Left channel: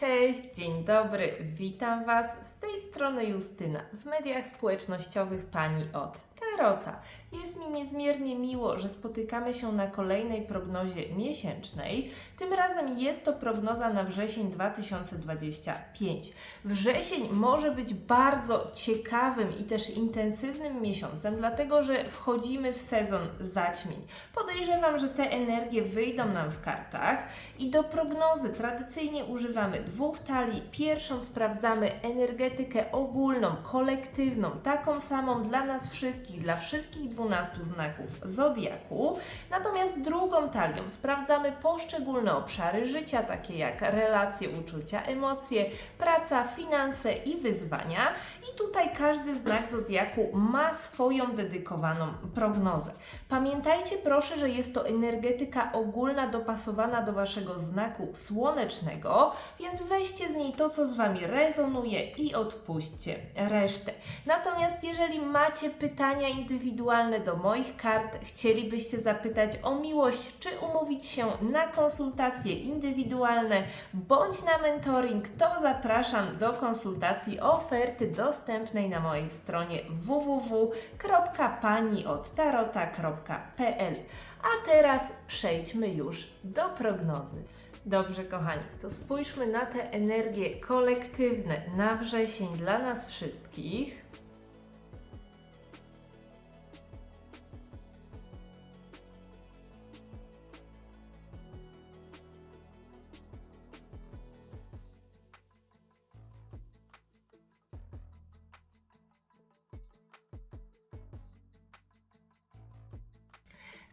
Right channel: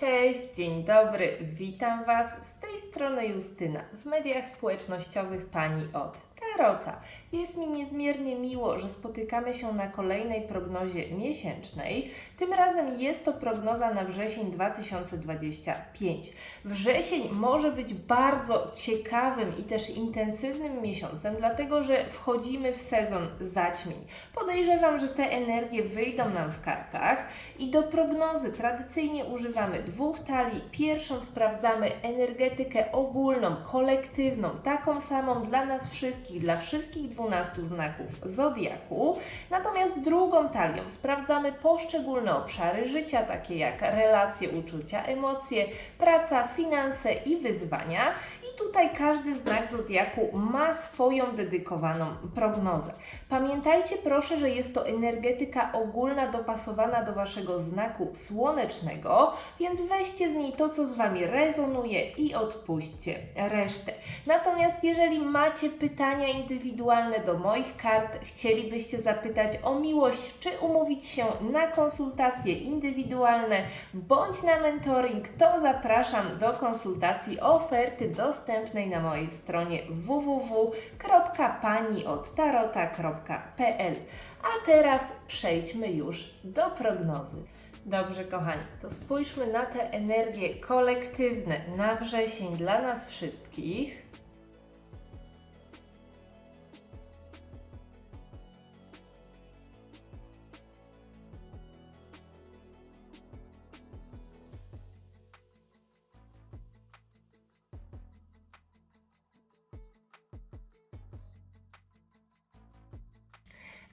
Cześć, dzień dobry, witam Was. Z tej strony Justyna w mediach społecznościowych Pani od Jest mi niezmiernie miło, że spotykamy się na kolejnej prognozie miesięcznej. Tym razem jest to prognoza na wrzesień 2025. Wrzesień może być bardzo ciekawym i też intensywnym miesiącem, dlatego że wchodzimy w sezon zaćmień. Podejrzewam, że te energie wyjdą nam w kartach i do prognozy tradycyjnie używamy dwóch talii. Pierwszą sprawdzamy energetykę ogólną, kolektywną, taką samą dla nas wszystkich, dla wszystkich 12 znaków zodiaku. Natomiast drugą talią sprawdzamy poszczególne obszary życia, takie jak relacje, uczucia, emocje, praca, finanse i wyzwania. Tutaj każdy znak zodiaku ma swoją dedykowaną prognozę. Pamiętajcie proszę, że jest to energetyka ogólna dopasowana do waszego znaku słonecznego, więc weźcie z niej to, co z wami rezonuje i odpuśćcie resztę. Natomiast jeżeli macie pytania indywidualne do moich kart, chcielibyście zapytać o miłość, czy umówić się na konsultacje indywidualne bądź na mentoring, to zapraszam do konsultacji oferty dostępnej na mojej stronie www.paniodtarota.pl. A teraz przejdźmy już do prognozy. Dobrze, kochani, to spójrzmy na te energie kolektywne na wrzesień dla nas wszystkich.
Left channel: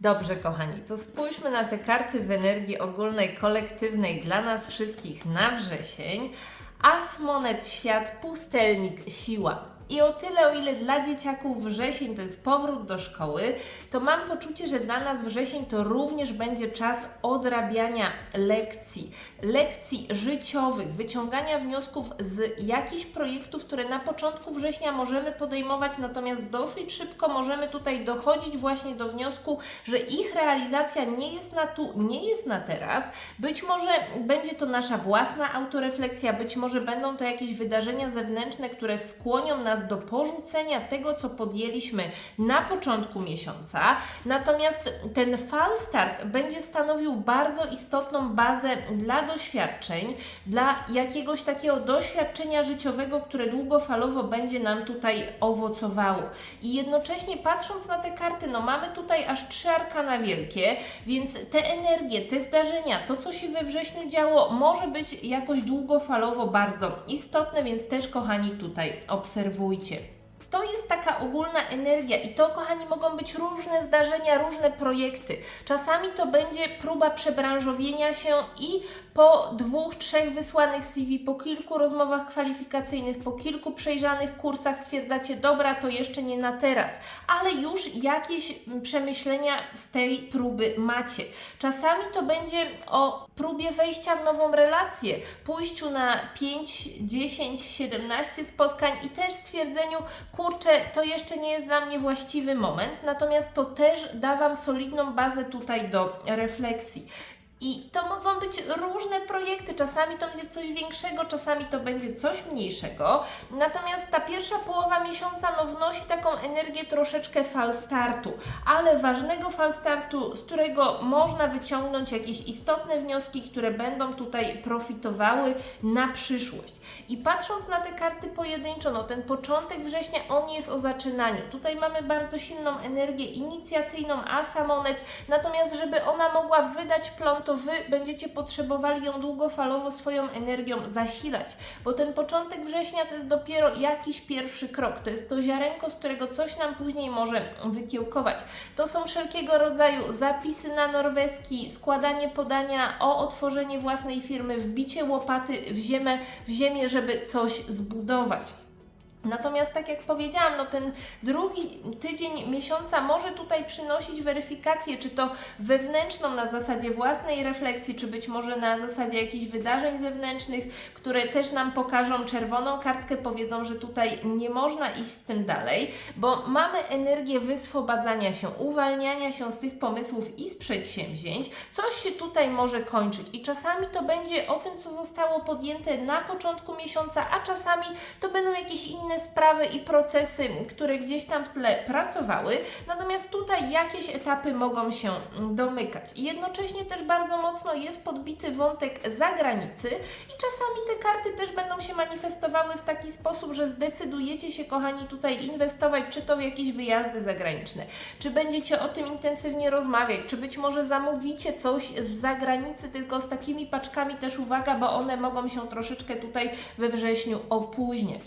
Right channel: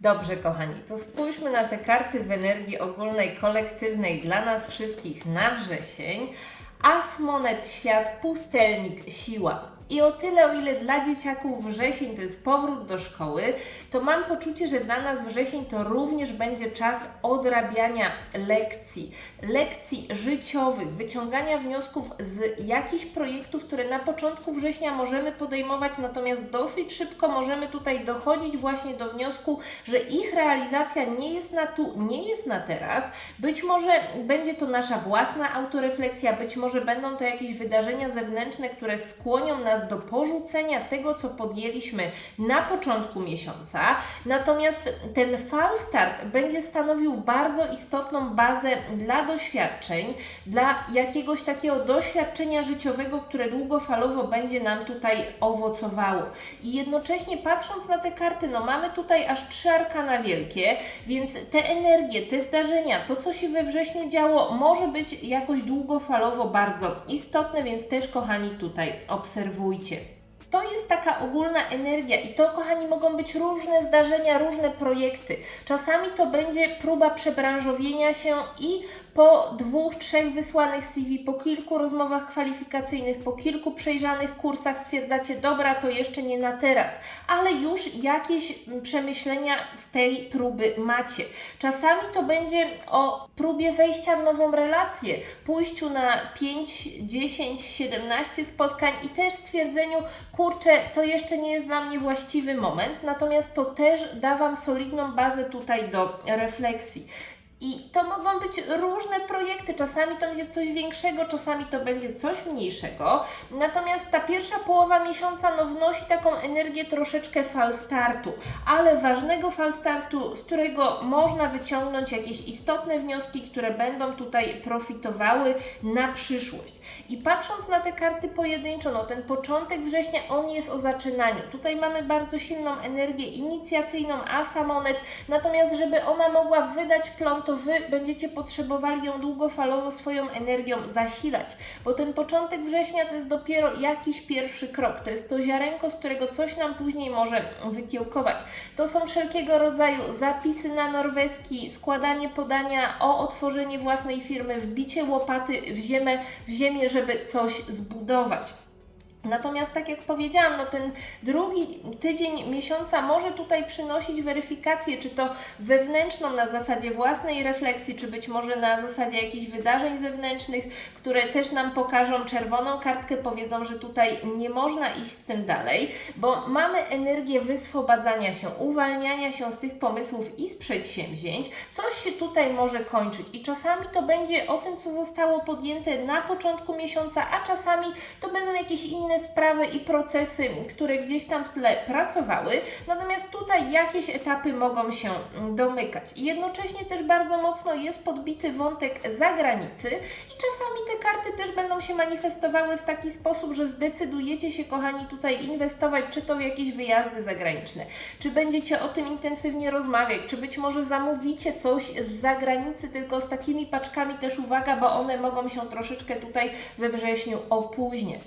Dobrze, kochani, to spójrzmy na te karty w energii ogólnej, kolektywnej dla nas wszystkich na wrzesień. As, monet, świat, pustelnik, siła. I o tyle, o ile dla dzieciaków wrzesień to jest powrót do szkoły, to mam poczucie, że dla nas wrzesień to również będzie czas odrabiania lekcji, lekcji życiowych, wyciągania wniosków z jakichś projektów, które na początku września możemy podejmować, natomiast dosyć szybko możemy tutaj dochodzić właśnie do wniosku, że ich realizacja nie jest na tu, nie jest na teraz. Być może będzie to nasza własna autorefleksja, być może będą to jakieś wydarzenia zewnętrzne, które skłonią nas do porzucenia tego, co podjęliśmy na początku miesiąca. Natomiast ten fal start będzie stanowił bardzo istotną bazę dla doświadczeń, dla jakiegoś takiego doświadczenia życiowego, które długofalowo będzie nam tutaj owocowało. I jednocześnie patrząc na te karty, no mamy tutaj aż trzy arkana wielkie, więc te energie, te zdarzenia, to co się we wrześniu działo, może być jakoś długofalowo bardzo istotne, więc też kochani tutaj obserwujcie. Movie છે To jest taka ogólna energia i to, kochani, mogą być różne zdarzenia, różne projekty. Czasami to będzie próba przebranżowienia się i po dwóch, trzech wysłanych CV, po kilku rozmowach kwalifikacyjnych, po kilku przejrzanych kursach stwierdzacie, dobra, to jeszcze nie na teraz, ale już jakieś mm, przemyślenia z tej próby macie. Czasami to będzie o próbie wejścia w nową relację, pójściu na 5, 10, 17 spotkań i też stwierdzeniu, kurczę, to jeszcze nie jest dla mnie właściwy moment, natomiast to też da Wam solidną bazę tutaj do refleksji. I to mogą być różne projekty. Czasami to będzie coś większego, czasami to będzie coś mniejszego. Natomiast ta pierwsza połowa miesiąca no, wnosi taką energię troszeczkę fal startu, ale ważnego fal startu, z którego można wyciągnąć jakieś istotne wnioski, które będą tutaj profitowały na przyszłość. I patrząc na te karty pojedynczo, no ten początek września, on jest o zaczynaniu. Tutaj mamy bardzo silną energię inicjacyjną, asa monet, natomiast żeby ona mogła wydać plon, to Wy będziecie potrzebowali ją długofalowo swoją energią zasilać, bo ten początek września to jest dopiero jakiś pierwszy krok, to jest to ziarenko, z którego coś nam później może wykiełkować. To są wszelkiego rodzaju zapisy na norweski, składanie podania o otworzenie własnej firmy, wbicie łopaty w ziemię, w ziemię żeby coś zbudować. Natomiast tak jak powiedziałam, no ten drugi tydzień miesiąca może tutaj przynosić weryfikację, czy to wewnętrzną na zasadzie własnej refleksji, czy być może na zasadzie jakichś wydarzeń zewnętrznych, które też nam pokażą czerwoną kartkę, powiedzą, że tutaj nie można iść z tym dalej, bo mamy energię wyswobadzania się, uwalniania się z tych pomysłów i z przedsięwzięć. Coś się tutaj może kończyć i czasami to będzie o tym, co zostało podjęte na początku miesiąca, a czasami to będą jakieś inne sprawy i procesy, które gdzieś tam w tle pracowały. Natomiast tutaj jakieś etapy mogą się domykać. I jednocześnie też bardzo mocno jest podbity wątek zagranicy i czasami te karty też będą się manifestowały w taki sposób, że zdecydujecie się, kochani, tutaj inwestować, czy to w jakieś wyjazdy zagraniczne, czy będziecie o tym intensywnie rozmawiać, czy być może zamówicie coś z zagranicy, tylko z takimi paczkami też uwaga, bo one mogą się troszeczkę tutaj we wrześniu opóźniać.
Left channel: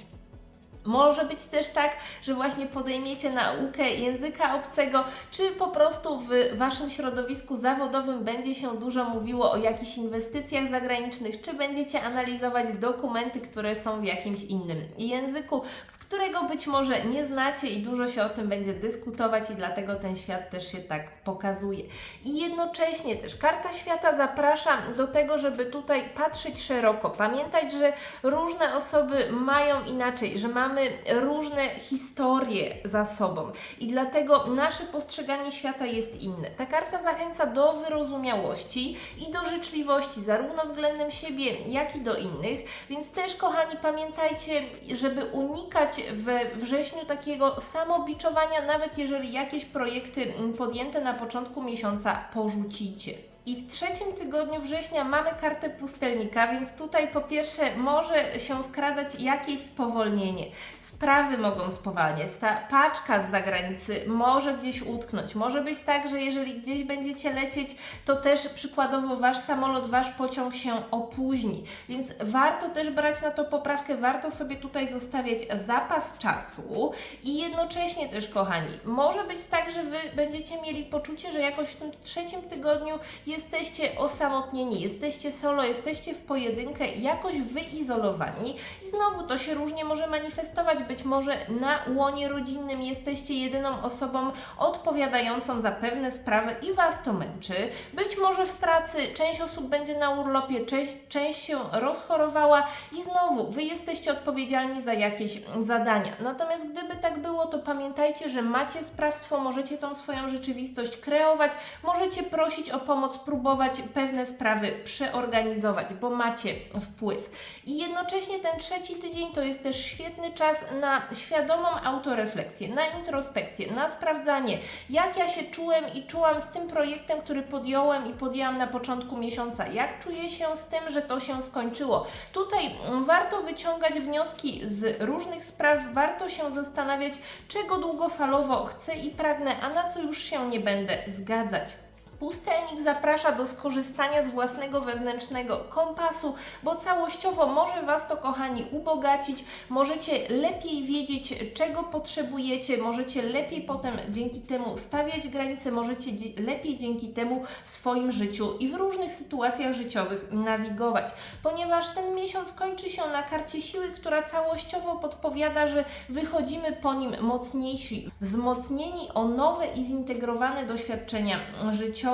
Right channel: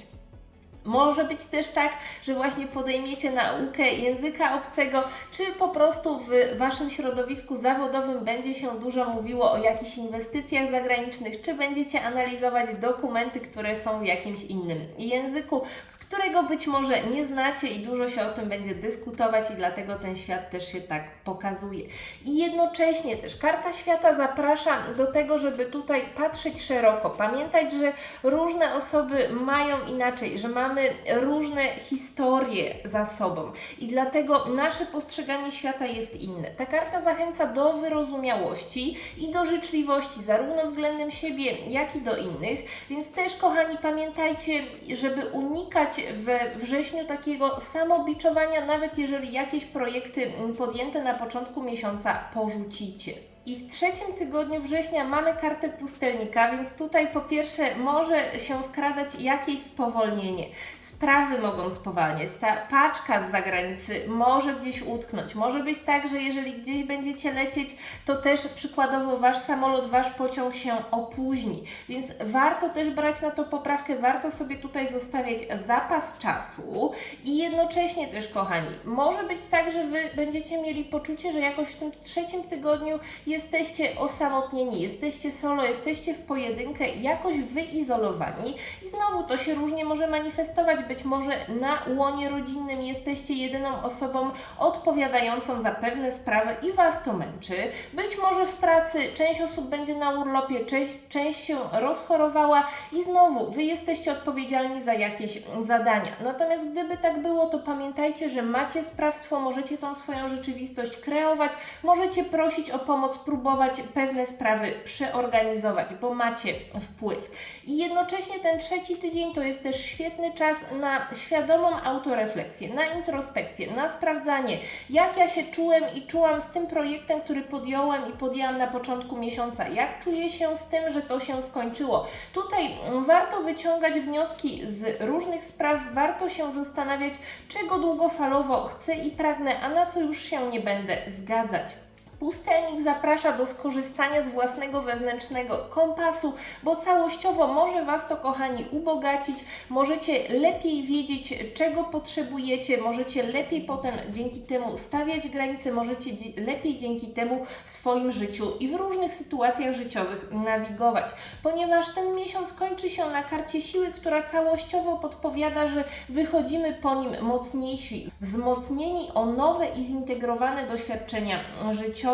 Może być też tak, że właśnie podejmiecie naukę języka obcego, czy po prostu w Waszym środowisku zawodowym będzie się dużo mówiło o jakichś inwestycjach zagranicznych, czy będziecie analizować dokumenty, które są w jakimś innym języku, którego być może nie znacie i dużo się o tym będzie dyskutować i dlatego ten świat też się tak pokazuje. I jednocześnie też karta świata zaprasza do tego, żeby tutaj patrzeć szeroko, pamiętać, że różne osoby mają inaczej, że mamy różne historie za sobą i dlatego nasze postrzeganie świata jest inne. Ta karta zachęca do wyrozumiałości i do życzliwości, zarówno względem siebie, jak i do innych, więc też, kochani, pamiętajcie, żeby unikać we wrześniu takiego samobiczowania, nawet jeżeli jakieś projekty mm, podjęte na początku miesiąca porzucicie. I w trzecim tygodniu września mamy kartę pustelnika, więc tutaj po pierwsze może się wkradać jakieś spowolnienie. Sprawy mogą spowalniać. Ta paczka z zagranicy może gdzieś utknąć. Może być tak, że jeżeli gdzieś będziecie lecieć, to też przykładowo wasz samolot, wasz pociąg się opóźni. Więc warto też brać na to poprawkę, warto sobie tutaj zostawiać zapas czasu i jednocześnie też, kochani, może być tak, że wy będziecie mieli poczucie, że jakoś w tym trzecim tygodniu jesteście osamotnieni, jesteście solo, jesteście w pojedynkę, jakoś wyizolowani i znowu to się różnie może manifestować. Być może na łonie rodzinnym jesteście jedyną osobą odpowiadającą za pewne sprawy i Was to męczy. Być może w pracy część osób będzie na urlopie, część, część się rozchorowała i znowu Wy jesteście odpowiedzialni za jakieś zadania. Natomiast gdyby tak było, to pamiętajcie, że macie sprawstwo, możecie tą swoją rzeczywistość kreować, możecie prosić o pomoc, próbować pewne sprawy przeorganizować, bo macie wpływ. I jednocześnie ten trzeci tydzień to jest też świetny czas na świadomą autorefleksję, na introspekcję, na sprawdzanie, jak ja się czułem i czułam z tym projektem, który podjąłem i podjęłam na początku miesiąca, jak czuję się z tym, że to się skończyło. Tutaj warto wyciągać wnioski z różnych spraw, warto się zastanawiać, czego długofalowo chcę i pragnę, a na co już się nie będę zgadzać. Pustelnik zaprasza do skorzystania z własnego wewnętrznego kompasu, bo całościowo może Was to, kochani, ubogacić. Możecie lepiej wiedzieć, czego potrzebujecie, możecie lepiej potem dzięki temu stawiać granice, możecie lepiej dzięki temu w swoim życiu i w różnych sytuacjach życiowych nawigować, ponieważ ten miesiąc kończy się na karcie siły, która całościowo podpowiada, że wychodzimy po nim mocniejsi, wzmocnieni o nowe i zintegrowane doświadczenia życiowe.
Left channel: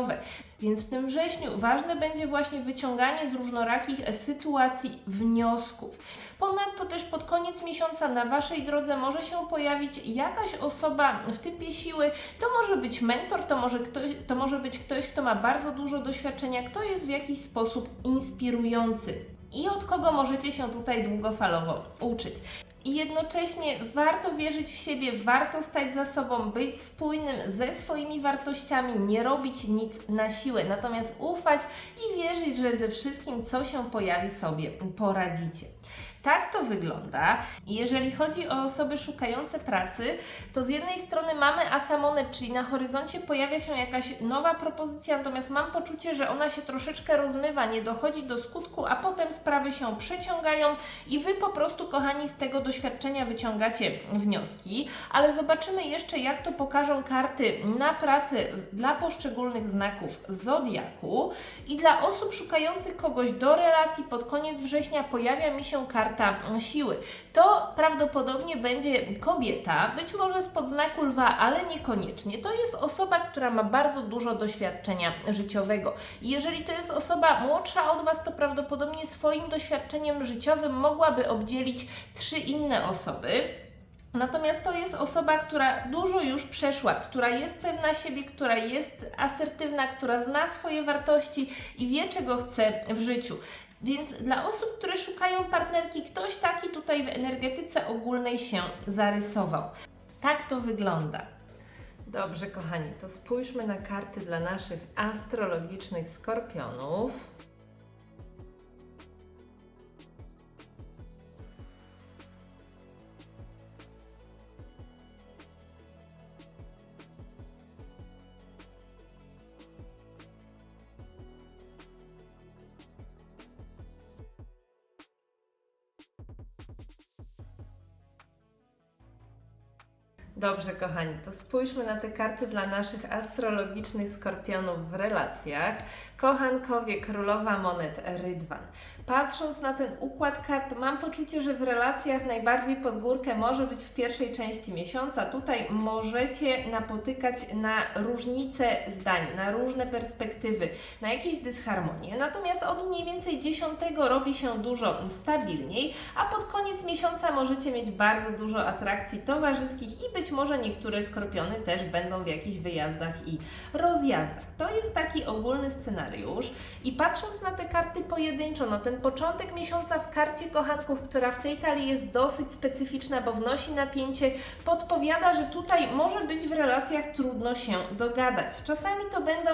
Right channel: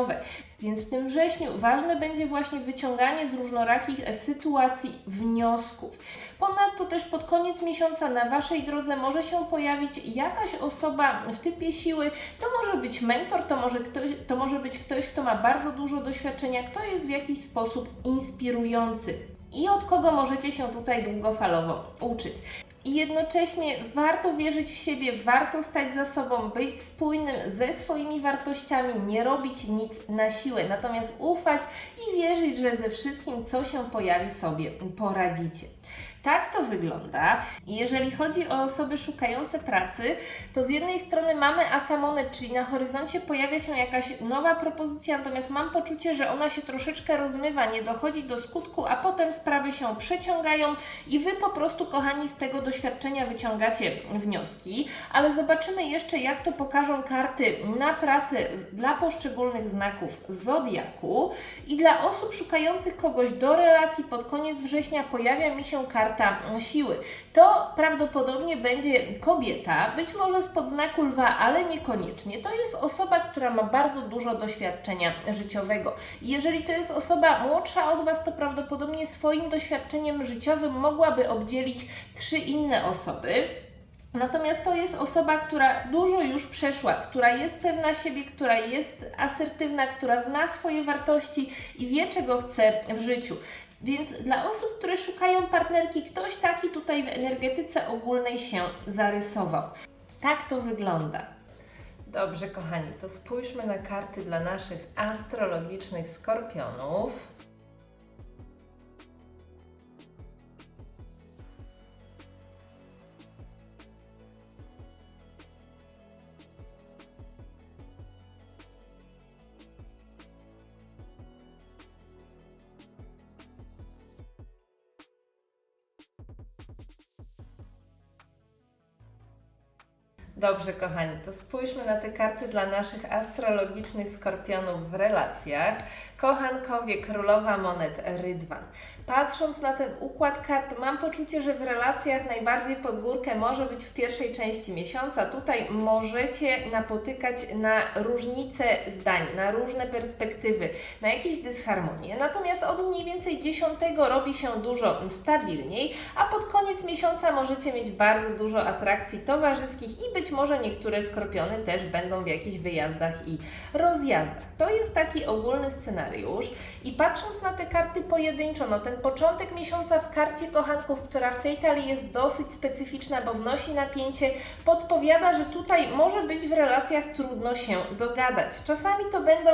Więc w tym wrześniu ważne będzie właśnie wyciąganie z różnorakich sytuacji wniosków. Ponadto też pod koniec miesiąca na Waszej drodze może się pojawić jakaś osoba w typie siły. To może być mentor, to może, ktoś, to może być ktoś, kto ma bardzo dużo doświadczenia, kto jest w jakiś sposób inspirujący i od kogo możecie się tutaj długofalowo uczyć. I jednocześnie warto wierzyć w siebie, warto stać za sobą, być spójnym ze swoimi wartościami, nie robić nic na siłę, natomiast ufać i wierzyć, że ze wszystkim, co się pojawi, sobie poradzicie. Tak to wygląda. Jeżeli chodzi o osoby szukające pracy, to z jednej strony mamy asamonet, czyli na horyzoncie pojawia się jakaś nowa propozycja, natomiast mam poczucie, że ona się troszeczkę rozmywa, nie dochodzi do skutku, a potem sprawy się przeciągają i Wy po prostu, kochani, z tego doświadczenia wyciągacie wnioski. Ale zobaczymy jeszcze, jak to pokażą karty na pracę dla poszczególnych znaków zodiaku. I dla osób szukających kogoś do relacji pod koniec września pojawia mi się karta karta mm, siły. To prawdopodobnie będzie kobieta, być może spod znaku lwa, ale niekoniecznie. To jest osoba, która ma bardzo dużo doświadczenia życiowego. I jeżeli to jest osoba młodsza od Was, to prawdopodobnie swoim doświadczeniem życiowym mogłaby obdzielić trzy inne osoby. Natomiast to jest osoba, która dużo już przeszła, która jest pewna siebie, która jest asertywna, która zna swoje wartości i wie, czego chce w życiu. Więc dla osób, które szukają partnerki, ktoś taki tutaj w energetyce ogólnej się zarysował. Tak to wygląda. Dobrze, kochani, to spójrzmy na karty dla naszych astrologicznych skorpionów. Dobrze, kochani, to spójrzmy na te karty dla naszych astrologicznych skorpionów w relacjach. Kochankowie, królowa monet, rydwan. Patrząc na ten układ kart, mam poczucie, że w relacjach najbardziej pod górkę może być w pierwszej części miesiąca. Tutaj możecie napotykać na różnice zdań, na różne perspektywy, na jakieś dysharmonie. Natomiast od mniej więcej 10 robi się dużo stabilniej, a pod koniec miesiąca możecie mieć bardzo dużo atrakcji towarzyskich i być może niektóre skorpiony też będą w jakichś wyjazdach i rozjazdach. To jest taki ogólny scenariusz. I patrząc na te karty pojedynczo, no ten początek miesiąca w karcie kochanków, która w tej talii jest dosyć specyficzna, bo wnosi napięcie, podpowiada, że tutaj może być w relacjach trudno się dogadać. Czasami to będą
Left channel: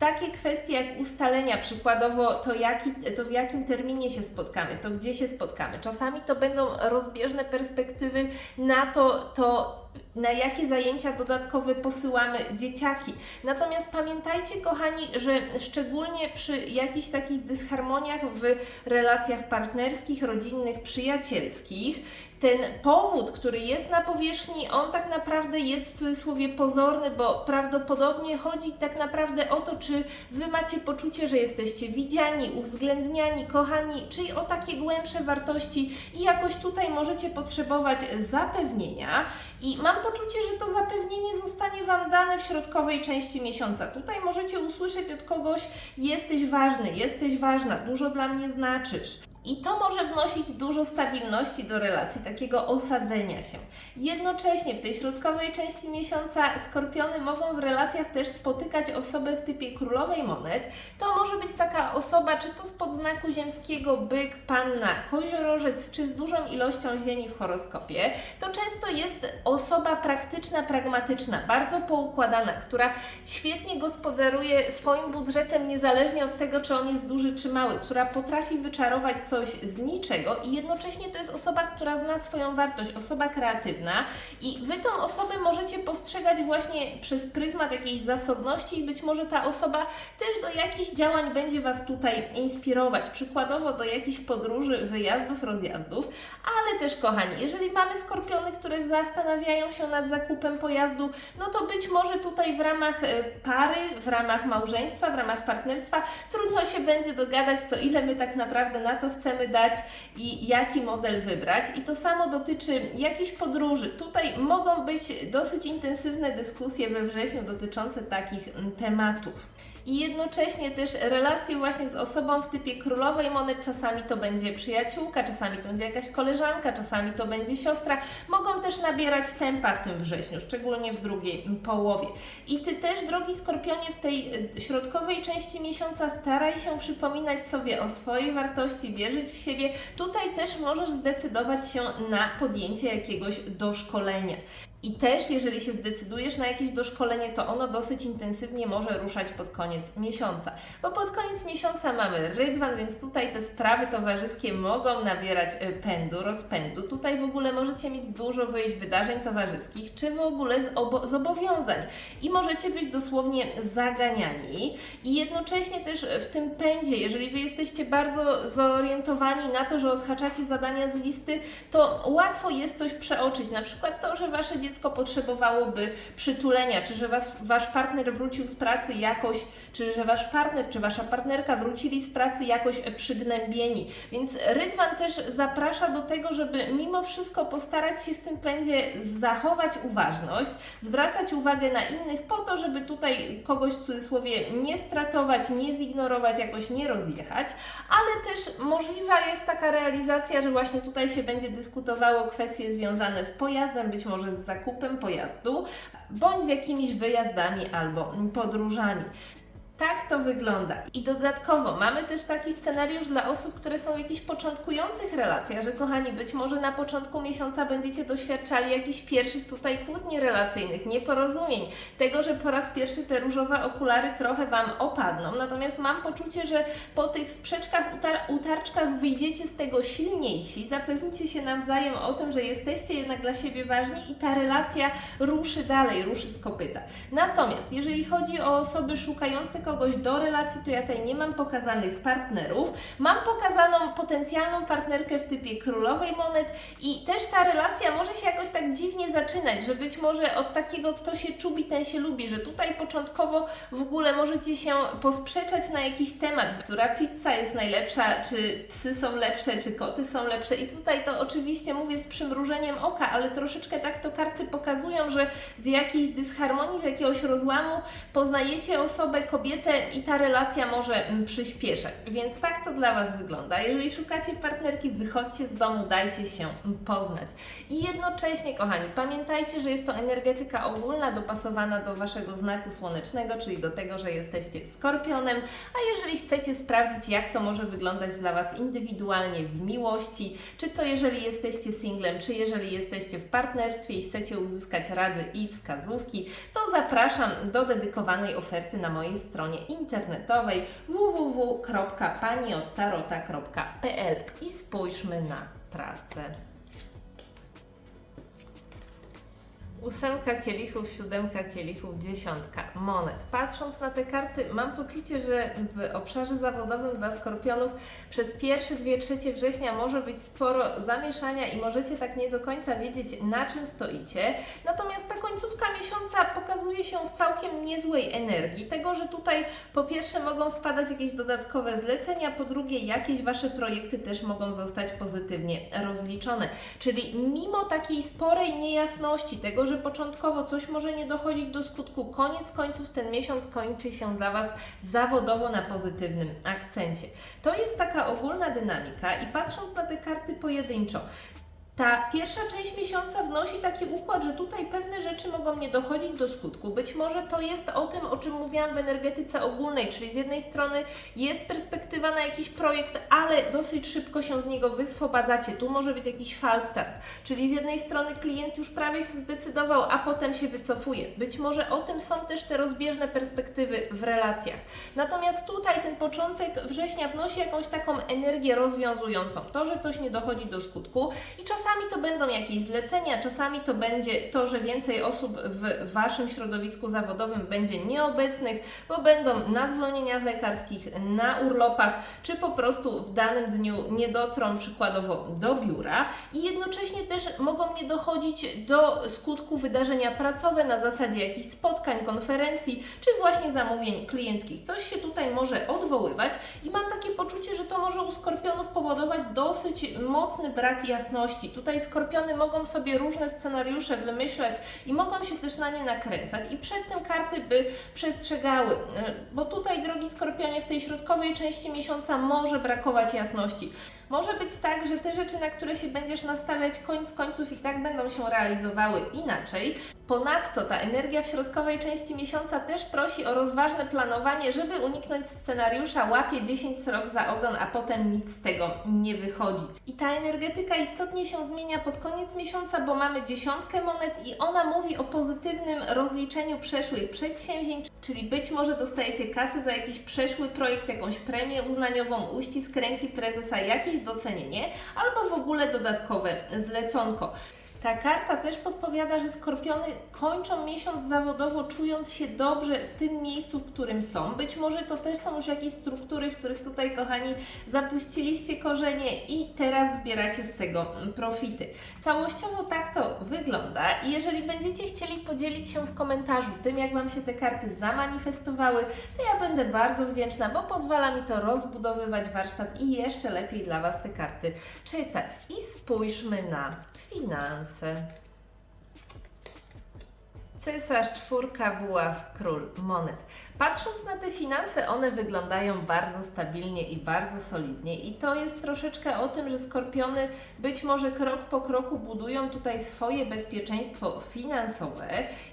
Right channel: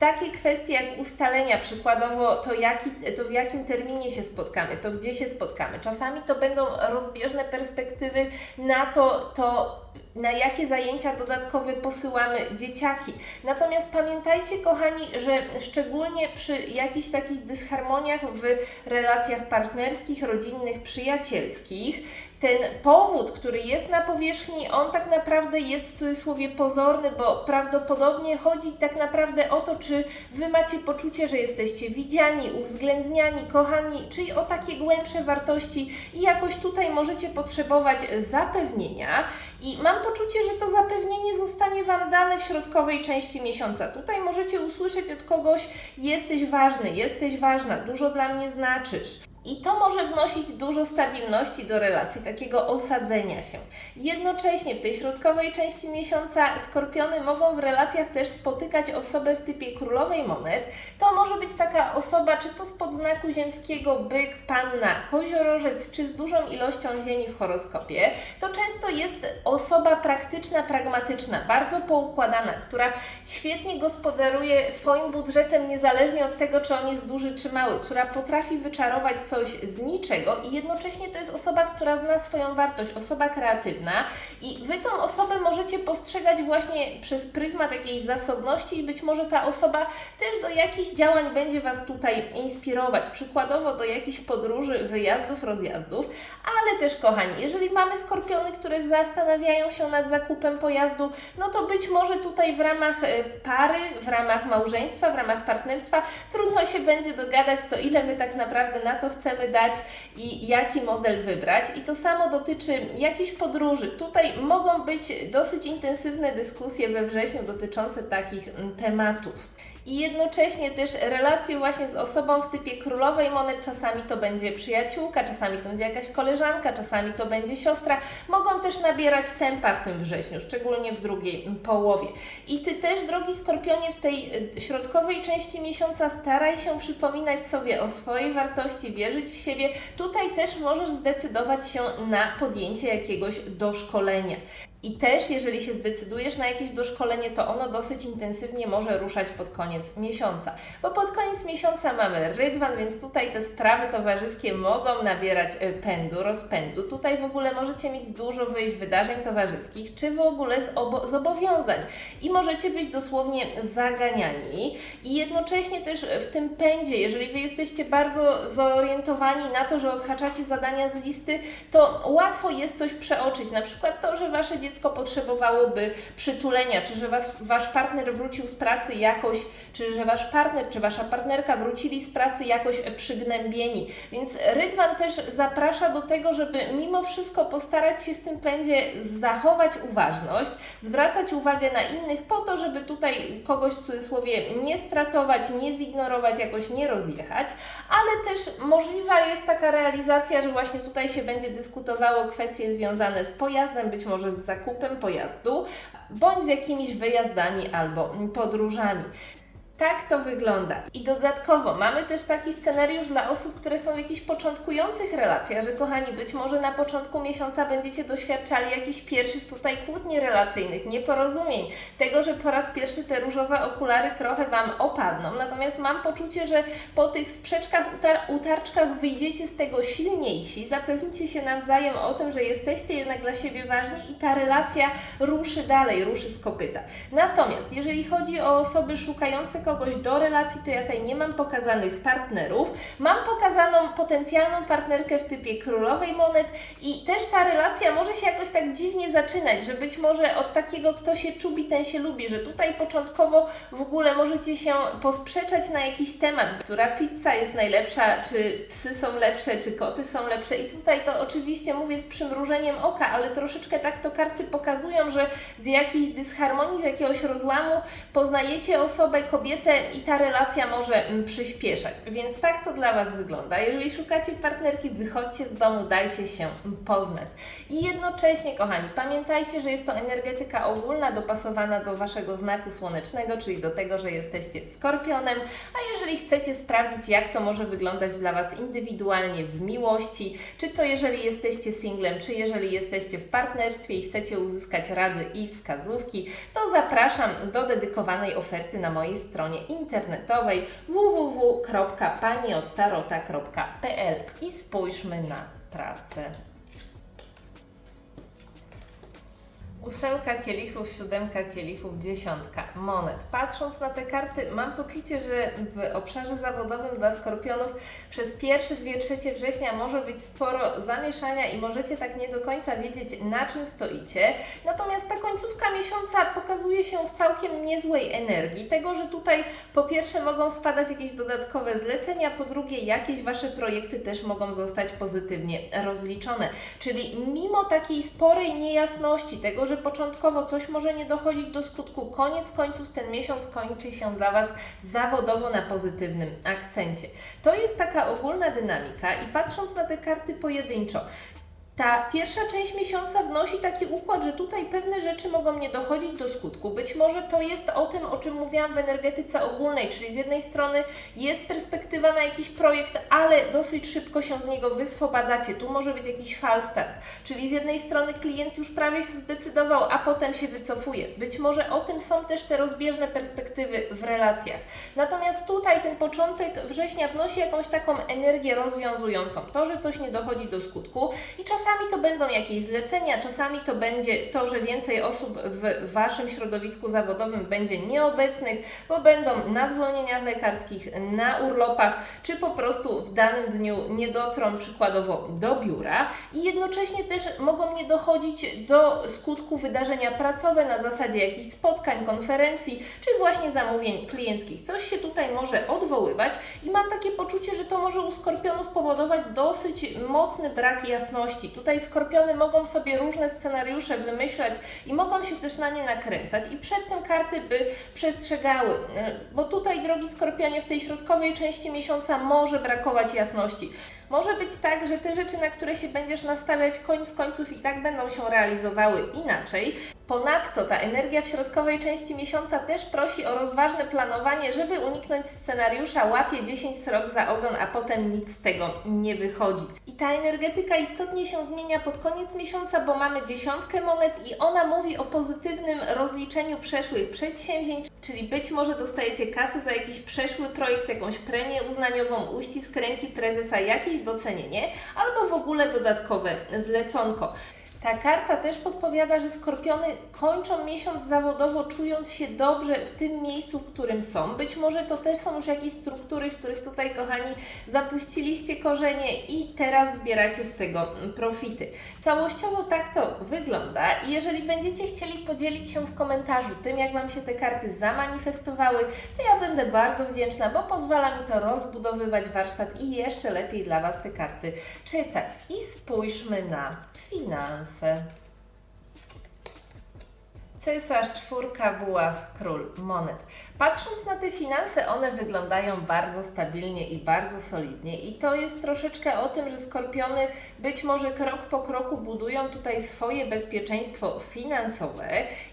takie kwestie jak ustalenia, przykładowo to, jaki, to w jakim terminie się spotkamy, to gdzie się spotkamy. Czasami to będą rozbieżne perspektywy na to, to na jakie zajęcia dodatkowe posyłamy dzieciaki. Natomiast pamiętajcie, kochani, że szczególnie przy jakichś takich dysharmoniach w relacjach partnerskich, rodzinnych, przyjacielskich, ten powód, który jest na powierzchni, on tak naprawdę jest w cudzysłowie pozorny, bo prawdopodobnie chodzi tak naprawdę o to, czy wy macie poczucie, że jesteście widziani, uwzględniani, kochani, czyli o takie głębsze wartości i jakoś tutaj możecie potrzebować zapewnienia. I mam poczucie, że to zapewnienie zostanie Wam dane w środkowej części miesiąca. Tutaj możecie usłyszeć od kogoś: Jesteś ważny, jesteś ważna, dużo dla mnie znaczysz. I to może wnosić dużo stabilności do relacji, takiego osadzenia się. Jednocześnie w tej środkowej części miesiąca skorpiony mogą w relacjach też spotykać osobę w typie królowej monet. To może być taka osoba, czy to spod znaku ziemskiego byk, panna, koziorożec, czy z dużą ilością ziemi w horoskopie. To często jest osoba praktyczna, pragmatyczna, bardzo poukładana, która świetnie gospodaruje swoim budżetem, niezależnie od tego, czy on jest duży czy mały, która potrafi wyczarować coś z niczego i jednocześnie to jest osoba, która zna swoją wartość, osoba kreatywna i Wy tą osobę możecie postrzegać właśnie przez pryzmat takiej zasobności i być może ta osoba też do jakichś działań będzie Was tutaj inspirować, przykładowo do jakichś podróży, wyjazdów, rozjazdów, ale też kochani, jeżeli mamy skorpiony, które zastanawiają się nad zakupem pojazdu, no to być może tutaj w ramach e, pary, w ramach małżeństwa, w ramach partnerstwa trudno się będzie dogadać, to ile my tak naprawdę na to chcemy dać i jaki model wybrać. I to samo dotyczy jakichś podróży. Tutaj mogą być dosyć intensywne dyskusje we wrześniu dotyczące takich mm, tematów. I jednocześnie też relacje właśnie z osobą w typie królowej monet, czasami to będzie przyjaciółka, czasami to będzie jakaś koleżanka, czasami to będzie siostra, mogą też nabierać tempa w tym wrześniu, szczególnie w drugiej połowie. I Ty też, drogi Skorpionie, w tej y, środkowej części miesiąca staraj się przypominać sobie o swojej wartości, wierzyć w siebie. Tutaj też możesz zdecydować się na podjęcie jakiegoś doszkolenia. I też, jeżeli się zdecydujesz na jakieś doszkolenie, to ono dosyć intensywnie może ruszać pod koniec miesiąca. Bo pod koniec miesiąca mamy rydwan, więc tutaj te sprawy towarzyskie mogą nabierać y, pędu, rozpędu. Tutaj w ogóle możecie mieć dużo wyjść wydarzeń towarzyskich, czy w ogóle z obo- zobowiązań. I możecie być dosłownie zaganiani. I jednocześnie też w tym pędzie, jeżeli Wy jesteście bardzo zorientowani na to, że odhaczacie zadania z listy, to łatwo jest coś przeoczyć. Na przykład to, że Wasze dziecko dziecko potrzebowałoby przytulenia, czy że was, wasz partner wrócił z pracy jakoś, czy że wasz partner, czy wasza partnerka wrócili z pracy jakoś przygnębieni. Więc Rydwan też zaprasza do tego, żeby mimo wszystko postarać się w tym pędzie zachować uważność, zwracać uwagę na innych po to, żeby tutaj kogoś w cudzysłowie nie stratować, nie zignorować, jakoś nie rozjechać, ale też możliwa jest taka realizacja, że właśnie tutaj się będzie dyskutowało kwestie związane z pojazdem, być może z zakupem pojazdu, bądź z jakimiś wyjazdami albo podróżami. Tak to wygląda. I dodatkowo mamy też taki scenariusz dla osób, które są w jakichś początkujących relacjach, że kochani, być może na początku miesiąca będziecie doświadczali jakichś pierwszych tutaj kłótni relacyjnych, nieporozumień, tego, że po raz pierwszy te różowe okulary trochę Wam opadną. Natomiast mam poczucie, że po tych sprzeczkach, utar- utarczkach wyjdziecie z tego silniejsi, zapewnicie się nawzajem o tym, że jesteście jednak dla siebie ważni i ta relacja ruszy dalej, ruszy z kopyta. Natomiast jeżeli chodzi o osoby szukające kogoś do relacji, to ja tutaj nie mam pokazanych partnerów. Mam pokazaną potencjalną partnerkę w typie królowej monet i też ta relacja może się jakoś tak dziwnie zaczynać, że być może od takiego, kto się czubi, ten się lubi, że tutaj początkowo w ogóle możecie się posprzeczać na jakiś temat, która pizza jest najlepsza, czy psy są lepsze, czy koty są lepsze i tutaj to oczywiście mówię z przymrużeniem oka, ale troszeczkę tak to karty pokazują, że z jakiejś dysharmonii, z jakiegoś rozłamu poznajecie osobę, kobietę i ta relacja może mm, przyspieszać. Więc tak to dla Was wygląda. Jeżeli szukacie partnerki, wychodźcie z domu, dajcie się poznać. I jednocześnie, kochani, pamiętajcie, że jest to energetyka ogólna, dopasowana do Waszego znaku słonecznego, czyli do tego, że jesteście skorpionem. A jeżeli chcecie sprawdzić, jak to może wyglądać dla Was indywidualnie w miłości, czy to jeżeli jesteście singlem, czy jeżeli jesteście w partnerstwie i chcecie uzyskać rady i wskazówki, to zapraszam do dedykowanej oferty na mojej stronie internetowej www.paniottarota.pl i spójrzmy na pracę. Ósemka kielichów, siódemka kielichów, dziesiątka monet. Patrząc na te karty, mam poczucie, że w obszarze zawodowym dla skorpionów przez pierwsze dwie trzecie września może być sporo zamieszania i możecie tak nie do końca wiedzieć, na czym stoicie. Natomiast ta końcówka miesiąca pokazuje się w całkiem niezłej energii. Tego, że tutaj po pierwsze mogą wpadać jakieś dodatkowe zlecenia, po drugie jakieś Wasze projekty też mogą zostać pozytywnie rozliczone. Czyli mimo takiej sporej niejasności, tego, że początkowo coś może nie dochodzić do skutku, koniec końców ten miesiąc kończy się dla Was zawodowo na pozytywnym akcencie. To jest taka ogólna dynamika i patrząc na te karty pojedynczo, ta pierwsza część miesiąca wnosi taki układ, że tutaj pewne rzeczy mogą nie dochodzić do skutku. Być może to jest o tym, o czym mówiłam w energetyce ogólnej, czyli z jednej strony jest perspektywa na jakiś projekt, ale dosyć szybko się z niego wyswobadzacie. Tu może być jakiś falstart, czyli z jednej strony klient już prawie się zdecydował, a potem się wycofuje. Być może o tym są też te rozbieżne perspektywy w relacjach. Natomiast tutaj ten początek września wnosi jakąś taką energię rozwiązującą. To, że coś nie dochodzi do skutku i czasami to będą jakieś zlecenia, czasami to będzie to, że więcej osób w Waszym środowisku zawodowym będzie nieobecnych, bo będą na zwolnieniach lekarskich, na urlopach, czy po prostu w danym dniu nie dotrą przykładowo do biura i jednocześnie też mogą nie dochodzić do skutku wydarzenia pracowe na zasadzie jakichś spotkań, konferencji, czy właśnie zamówień klienckich. Coś się tutaj może odwoływać i mam takie poczucie, że to może u skorpionów powodować dosyć mocny brak jasności. Tutaj skorpiony mogą sobie różne scenariusze wymyślać i mogą się też na nie nakręcać i przed tym karty by przestrzegały, bo tutaj, drogi skorpionie, w tej środkowej części miesiąca może brakować jasności. Może być tak, że te rzeczy, na które się będziesz nastawiać, koniec końców i tak będą się realizowały inaczej. Ponadto ta energia w środkowej części miesiąca też prosi o rozważne planowanie, żeby uniknąć scenariusza łapie 10 srok za ogon, a potem nic z tego nie wychodzi. I ta energetyka istotnie się zmienia pod koniec miesiąca, bo mamy dziesiątkę monet i ona mówi o pozytywnym rozliczeniu przeszłych przedsięwzięć, czyli być może dostajecie kasy za jakiś przeszły projekt, jakąś premię uznaniową, uścisk ręki prezesa, jakieś docenienie albo w ogóle dodatkowe zleconko. Ta karta też podpowiada, że skorpiony kończą miesiąc zawodowo, czując się dobrze w tym miejscu, w którym są. Być może to też są już jakieś struktury, w których tutaj, kochani, zapuściliście korzenie i teraz zbieracie z tego profity. Całościowo tak to wygląda i jeżeli będziecie chcieli podzielić się w komentarzu tym, jak Wam się te karty zamanifestowały, to ja będę bardzo wdzięczna, bo pozwala mi to rozbudowywać warsztat i jeszcze lepiej dla Was te karty czytać. I spójrzmy na finanse. said. Cesarz, czwórka, buław, król, monet. Patrząc na te finanse, one wyglądają bardzo stabilnie i bardzo solidnie i to jest troszeczkę o tym, że skorpiony być może krok po kroku budują tutaj swoje bezpieczeństwo finansowe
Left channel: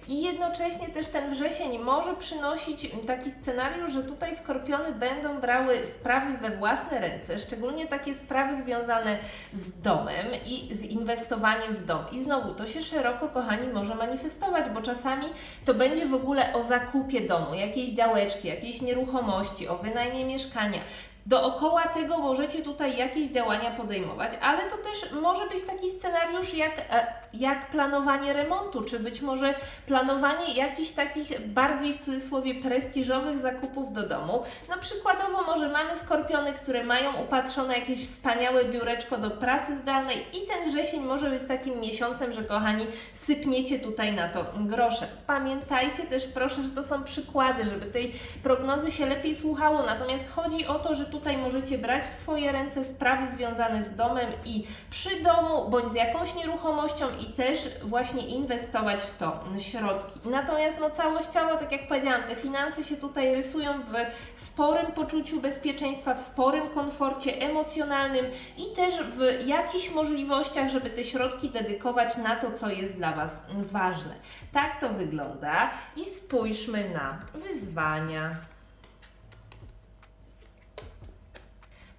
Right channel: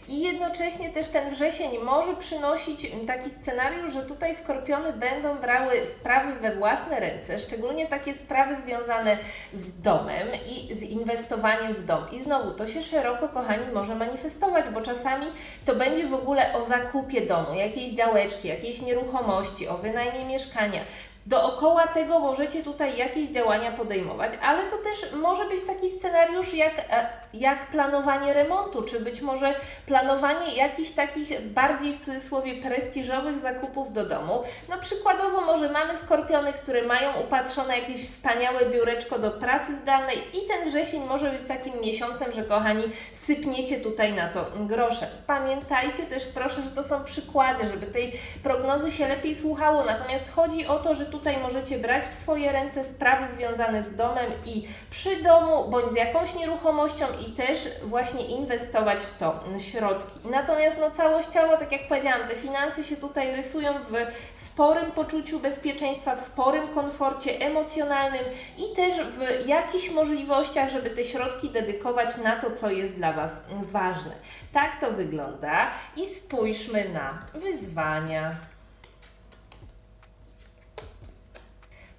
i jednocześnie też ten wrzesień może przynosić taki scenariusz, że tutaj skorpiony będą brały sprawy we własne ręce, szczególnie takie sprawy związane z domem i z inwestowaniem w dom. I znowu to się szeroko, kochani, może manifestować, bo czasami to będzie w ogóle o zakupie domu, jakiejś działeczki, jakiejś nieruchomości, o wynajmie mieszkania. Dookoła tego możecie tutaj jakieś działania podejmować, ale to też może być taki scenariusz jak, e, jak planowanie remontu, czy być może planowanie jakichś takich bardziej w cudzysłowie prestiżowych zakupów do domu. Na przykładowo może mamy skorpiony, które mają upatrzone jakieś wspaniałe biureczko do pracy zdalnej i ten wrzesień może być takim miesiącem, że kochani, sypniecie tutaj na to groszem. Pamiętajcie też proszę, że to są przykłady, żeby tej prognozy się lepiej słuchało, natomiast chodzi o to, że tutaj możecie brać w swoje ręce sprawy związane z domem i przy domu, bądź z jakąś nieruchomością i też właśnie inwestować w to środki. Natomiast no całościowo, tak jak powiedziałam, te finanse się tutaj rysują w sporym poczuciu bezpieczeństwa, w sporym komforcie emocjonalnym i też w jakichś możliwościach, żeby te środki dedykować na to, co jest dla Was ważne. Tak to wygląda i spójrzmy na wyzwania.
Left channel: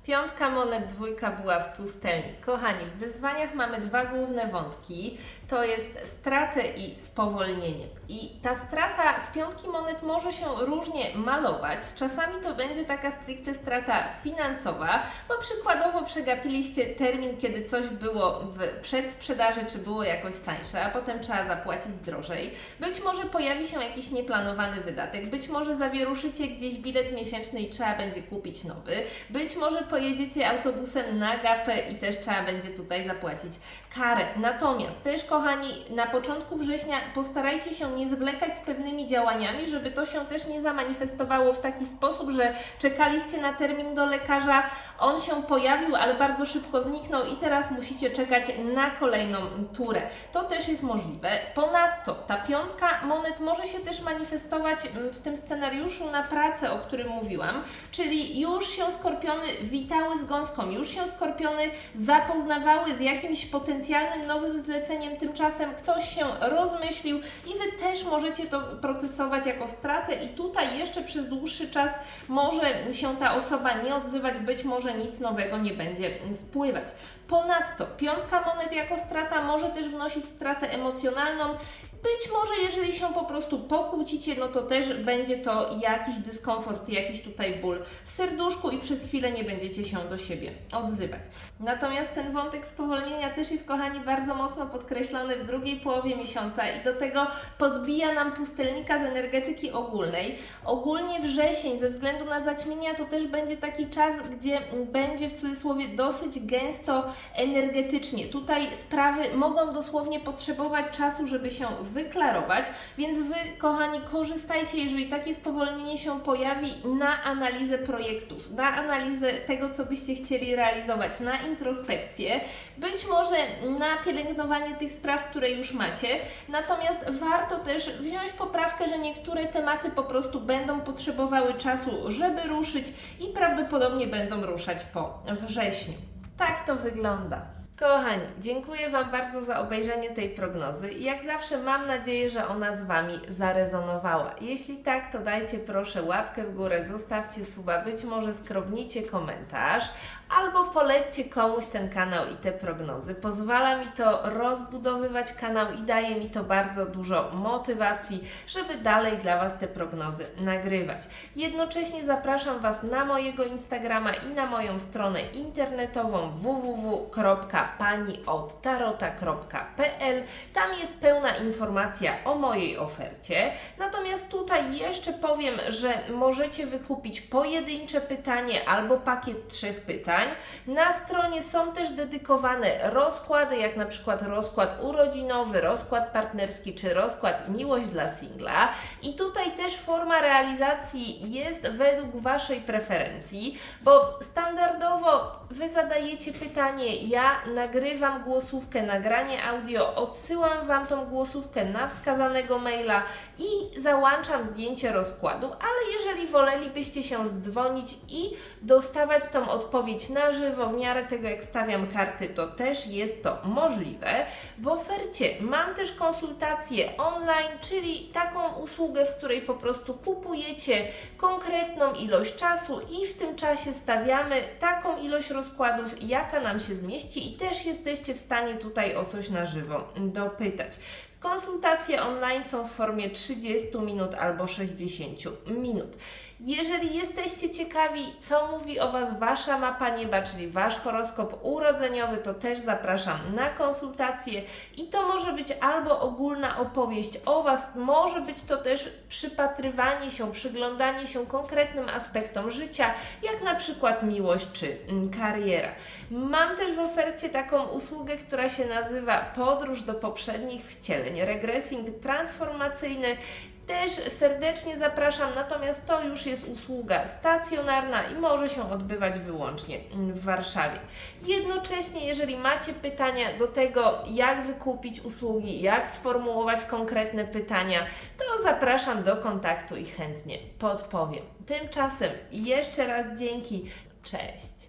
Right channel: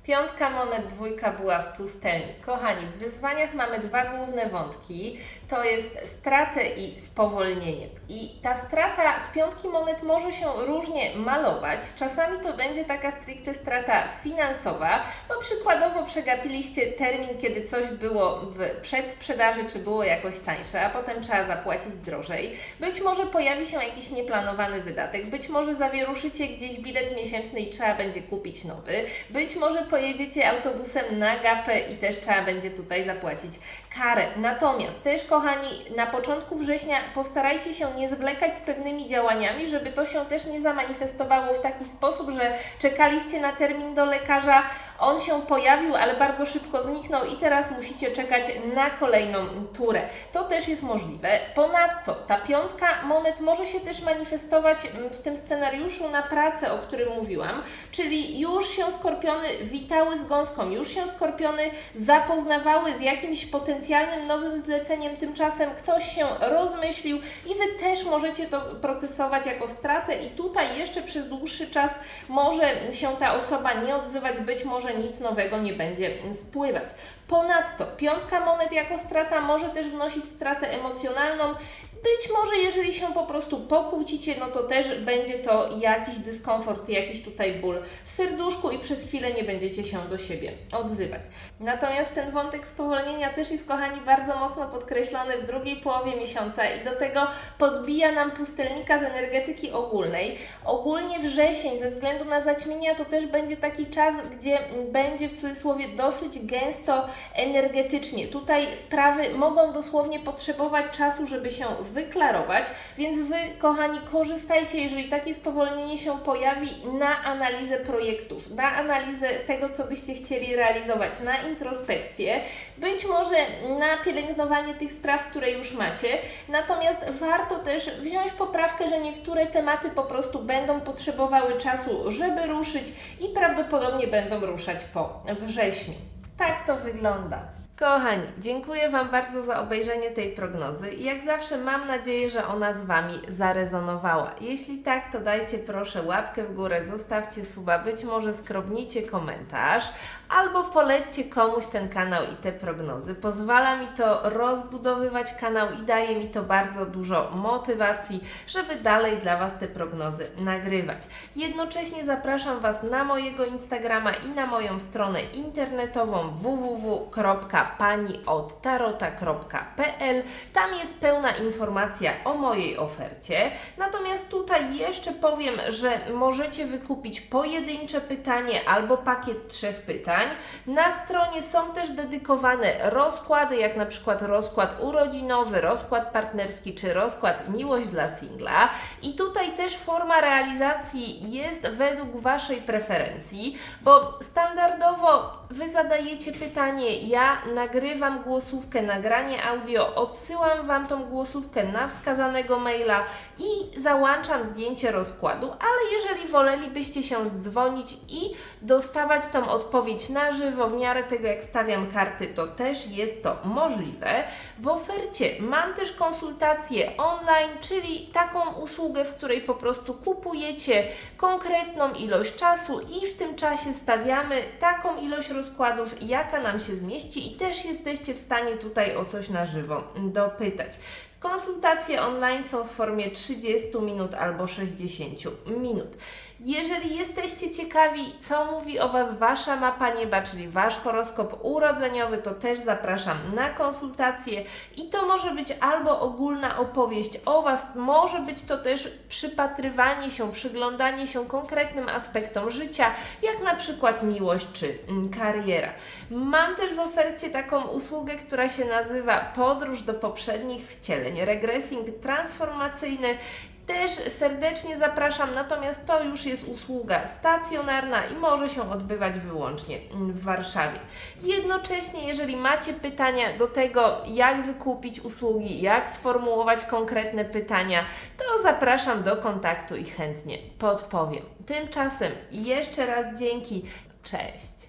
Piątka monet, dwójka była w pustelni. Kochani, w wyzwaniach mamy dwa główne wątki. To jest stratę i spowolnienie. I ta strata z piątki monet może się różnie malować. Czasami to będzie taka stricte strata finansowa, bo przykładowo przegapiliście termin, kiedy coś było w przedsprzedaży, czy było jakoś tańsze, a potem trzeba zapłacić drożej. Być może pojawi się jakiś nieplanowany wydatek, być może zawieruszycie gdzieś bilet miesięczny i trzeba będzie kupić nowy, być może pojedziecie autobusem na gapę i też trzeba będzie tutaj zapłacić karę. Natomiast też, kochani, na początku września postarajcie się nie zwlekać z pewnymi działaniami, żeby to się też nie zamanifestowało w taki sposób, że czekaliście na termin do lekarza, on się pojawił, ale bardzo szybko zniknął i teraz musicie czekać na kolejną turę. To też jest możliwe. Ponadto ta piątka monet może się też manifestować w tym scenariuszu na pracę, o którym mówiłam, czyli już się skorpiony witały z gąską, już się skorpiony zapoznawały z jakimś potencjalnym nowym zleceniem, tymczasem ktoś się rozmyślił i Wy też możecie to procesować jako stratę. I tutaj jeszcze przez dłuższy czas może się ta osoba nie odzywać, być może nic nowego nie będzie spływać. Ponadto piątka monet jako strata może też wnosić stratę emocjonalną. Być może jeżeli się po prostu pokłócicie, no to też będzie to jakiś dyskomfort, jakiś tutaj ból w serduszku i przez chwilę nie będziecie się do siebie odzywać. Natomiast ten wątek spowolnienia też jest, kochani, bardzo mocno podkreślony w drugiej połowie miesiąca i do tego podbija nam pustelnika z energetyki ogólnej. Ogólnie wrzesień ze względu na zaćmienia to też będzie taki czas, gdzie będzie w cudzysłowie dosyć gęsto energetycznie. Tutaj sprawy mogą dosłownie potrzebować czasu, żeby się wyklarować, więc Wy, kochani, korzystajcie, jeżeli takie spowolnienie się pojawi, na analizę projektów, na analizę tego, co byście chcieli realizować, na introspekcję, być może na pielęgnowanie tych spraw, które już macie. Natomiast warto też wziąć poprawkę, że niektóre tematy po prostu będą potrzebowały czasu, żeby ruszyć i prawdopodobnie będą ruszać po wrześniu. Tak to wygląda. Kochani, dziękuję Wam bardzo za obejrzenie tej prognozy i jak zawsze mam nadzieję, że ona z Wami zarezonowała. Jeśli tak, to dajcie proszę łapkę w górę, zostawcie suba, być może skrobnijcie komentarz albo polećcie komuś ten kanał i te prognozy. Pozwala mi to rozbudowywać kanał i daje mi to bardzo dużo motywacji, żeby dalej dla Was te prognozy nagrywać. Jednocześnie zapraszam Was na mojego Instagrama i na moją stronę internetową www Państwa pani od tarota.pl. Tam jest pełna informacja o mojej ofercie. Natomiast tutaj jeszcze powiem, że możecie wykupić pojedyncze pytanie albo pakiet trzech pytań. Na stronie są też dedykowane rozkłady, jak na przykład rozkład urodzinowy, rozkład partnerski czy rozkład miłość dla singla. I tutaj też forma realizacji jest według Waszej preferencji, bo standardowo Wy zadajecie pytanie, ja nagrywam głosówkę, nagranie audio, odsyłam Wam tą głosówkę na wskazanego maila i załączam zdjęcie rozkładu, ale jeżeli wolelibyście się zdzwonić i dostawać tą odpowiedź na żywo, w miarę tego jak stawiam karty, to też jest to możliwe. W ofercie mam też konsultację online, czyli taką usługę, w której po prostu kupujecie konkretną ilość czasu i w tym czasie stawiamy taką ilość rozkładów, jaka nam się zmieści i też jesteście w stanie tutaj o coś na żywo dopytać. Konsultacje online są w formie 30 minut albo 60 minut. Jeżeli jesteście ciekawi, co mówi o Was Wasza mapa nieba, czyli Wasz horoskop urodzeniowy, to też zapraszam na konsultację i to może być albo ogólna opowieść o Was, może być to też przypatrywanie się, przyglądanie się konkretnym aspektom życia, jak na przykład miłość czy mm, kariera. Mam też w ofercie taką usługę, która się nazywa Podróż do poprzednich wcieleń, regresing transformacyjny też serdecznie zapraszam, natomiast to już jest usługa stacjonarna i może się odbywać wyłącznie mm, w Warszawie. Jednocześnie, jeżeli macie pytania do tego, jak wykupić usługi, jak sformułować konkretne pytania, to zapraszam do kontaktu i chętnie podpowiem. Tymczasem jeszcze raz dzięki. Cześć.